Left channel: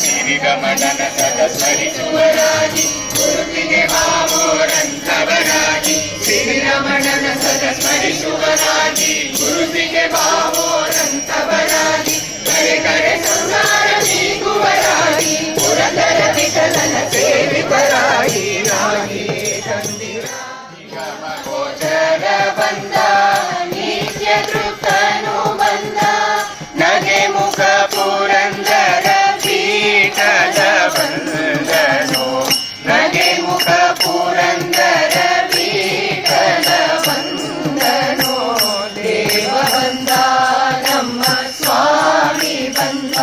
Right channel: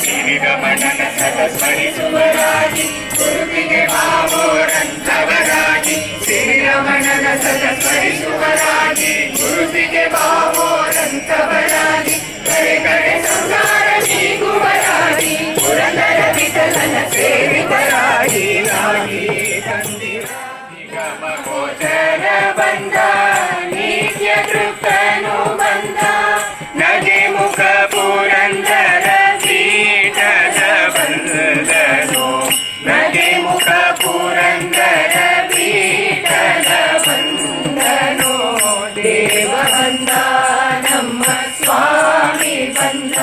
ಶ್ರೀರಮಣನ ಸದಸ್ಮರಿಸುವರಾಗಿ ಗುರುವಿಗೆ ಭಾವೋರಂತವರಾಗಿ ಶ್ರೀರಮಣನ ಸದಸ್ಮರಿಸುವರಾಗಿ ಗುರುವಿಗೆ ಭಾವೋರಂತವರಾಗಿ ಕರೆ ಕರೆ ಸಂಸಾರ ನೀಗುವರಾಗಿ ಪುರಂದರ ವಿಠಲನ ಸೇವಿತರಾಗಿ ರಾಗಿ ತಂದಿರ ನಿಗಮ ಗೋಚರ ಬಂದ ನಿತ್ಯ ತೃಪ್ತನು ಬಂದ ನಗೆ ಮುಖ ಪುರಂದರ ಪೀಠದ ಬಂದನು ನಗೆ ಮುಖ ಪುರಂದರ ಪೀಠದ ಬಂದನು ದೇವ ಬಂದ ನಮ್ಮ ಸ್ವಾಮಿ ಬಂದ